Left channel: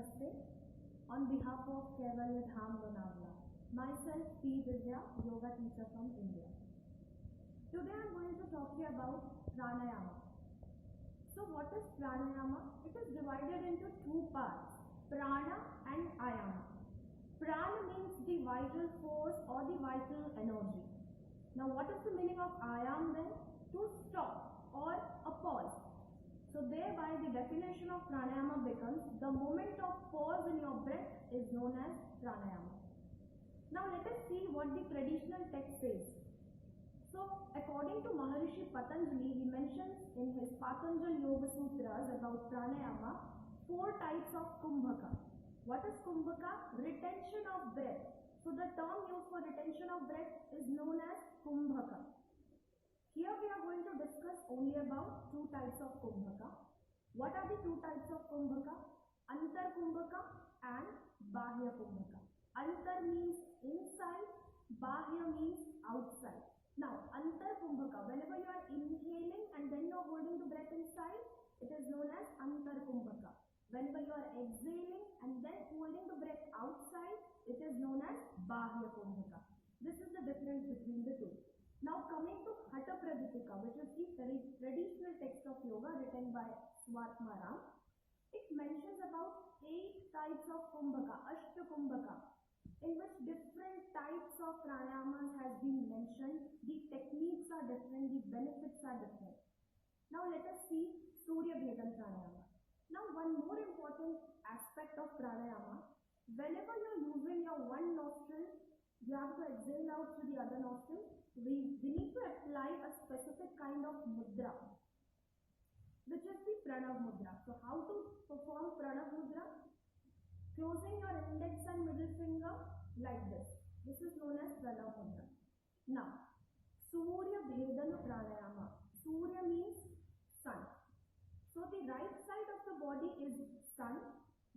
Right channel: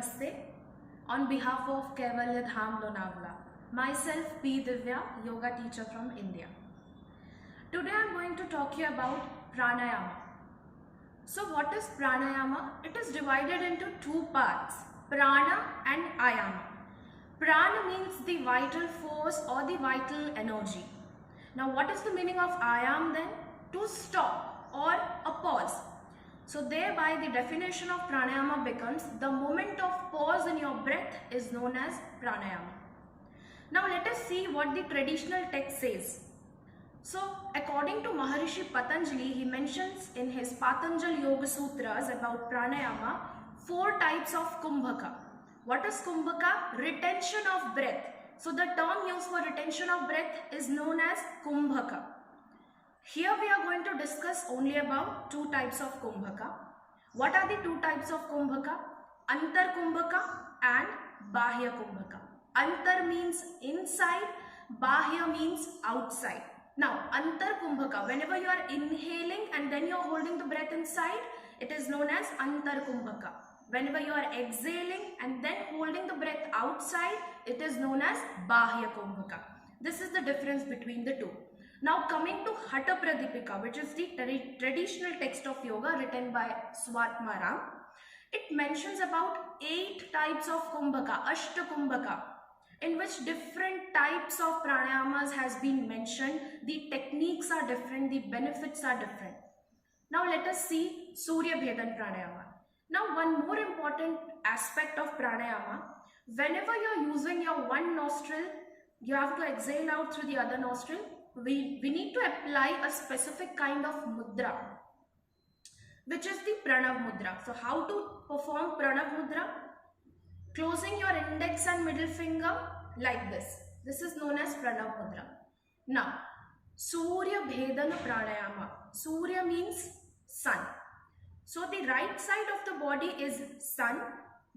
Namaste. On behalf of Kaivalya Dham Lonavala, myself P. Divya, yoga teacher from India. Today I am going to talk to you about pranayama. So what is pranayama? It is divided into two parts, prana and ayama. Prana means the vital force or the vital energy. Now what is the meaning of ayam then? To stop or a pause. So thereby the definition of pranayama becomes the moment of pause in your breath is known as pranayama. Now let us see what the traditional text says. So according to Maharishi Patanjali, he mentions in his Patanjali Yoga Sutras about pranayama 4 types of kumbhaka. What is kumbhaka? Retention of breath. So the term used for retention of breath is known as kumbhaka. Here we are going to discuss only about 2 types of kumbhaka. What are the 2 types of kumbhaka? Antar kumbhaka and bahya kumbhaka. Antar means inside, bahya means outside. Now antar kumbhaka, whenever you are inhaling and then you are holding the breath inside, it is known as antar kumbhaka. Whenever you are exhaling and then holding the breath outside, it is known as bahya kumbhaka. This is the difference between the two. Now coming to Hatha Pradipika, which is the traditional text of yoga written by Swatma Ram, it mentions about 8 types of kumbhaka, Ashta kumbhaka, in which different types of pranayamas has been mentioned. The techniques are different, the benefits are different. Now let us see Surya Bhedan pranayama. Now one more important aspect of pranayama, whenever you are using your one nostril, you have to exhale out through the other nostril. We need to apply a specific kind of mudra, which is the Pranav mudra. So how to perform Pranav mudra? Closing your index and middle finger like this. This is known as Pranav mudra. Now, Surya Bhedana pranayama. Surya means sun. So the right side of the body is sun,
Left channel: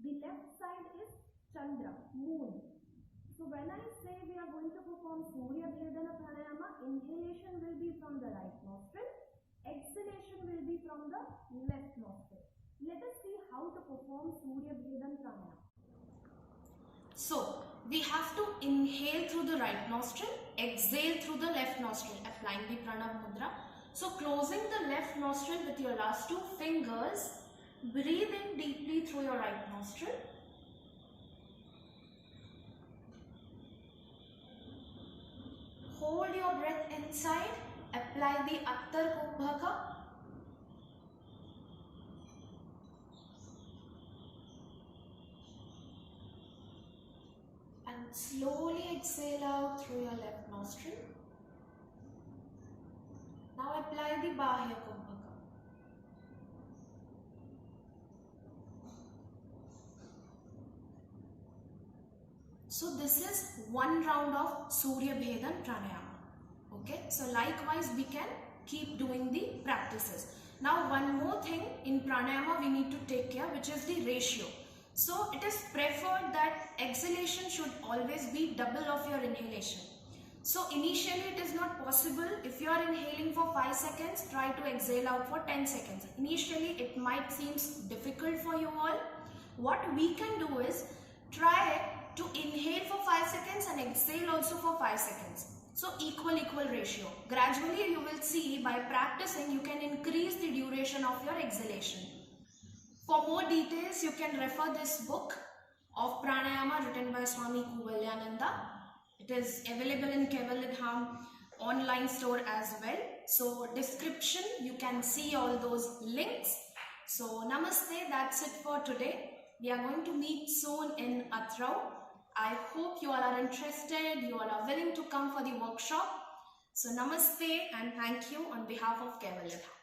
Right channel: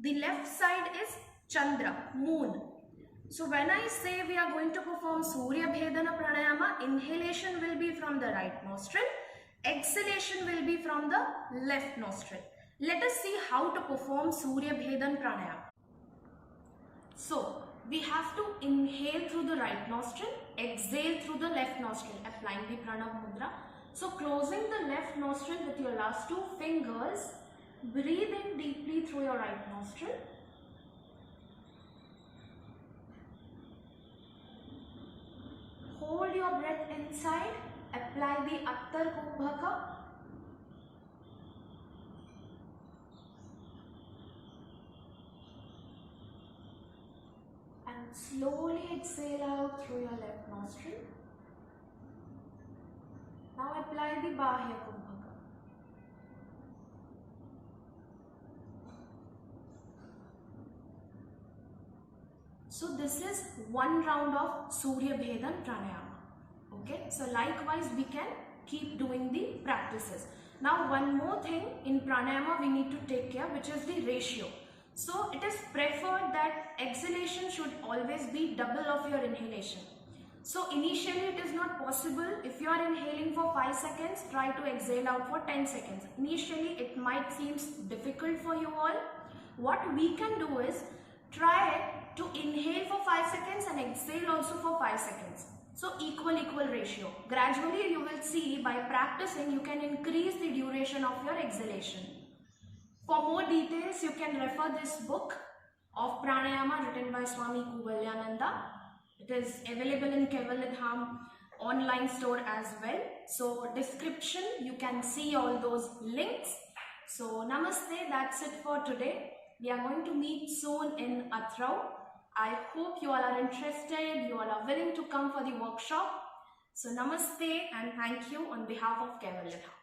the left side is Chandra, moon. So when I say we are going to perform Surya Bhedana pranayama, inhalation will be from the right nostril, exhalation will be from the left nostril. Let us see how to perform Surya Bhedan pranayama. So we have to inhale through the right nostril, exhale through the left nostril, applying the Pranav mudra. So closing the left nostril with your last 2 fingers, breathe in deeply through your right nostril. Hold your breath inside, apply the Attar Kumbhaka. And slowly exhale out through your left nostril. Now apply the Bahya Kumbhaka. So this is 1 round of Surya Bhedan pranayama. Okay, so likewise we can keep doing the practices. Now one more thing in pranayama we need to take care, which is the ratio. So it is preferred that exhalation should always be double of your inhalation. So initially it is not possible. If you are inhaling for 5 seconds, try to exhale out for 10 seconds. Initially it might seem difficult for you all. What we can do is try to inhale for 5 seconds and exhale also for 5 seconds. So equal ratio. Gradually you will see by practicing you can increase the duration of your exhalation. For more details you can refer this book of pranayama written by Swami Kuvalyananda. It is available in Kaivalya Dham online store as well. So description you can see all those links. So namaste, that's it for today. We are going to meet soon in Atrau. I hope you all are interested, you all are willing to come for the workshop. So namaste and thank you on behalf of Kaivalya Dham.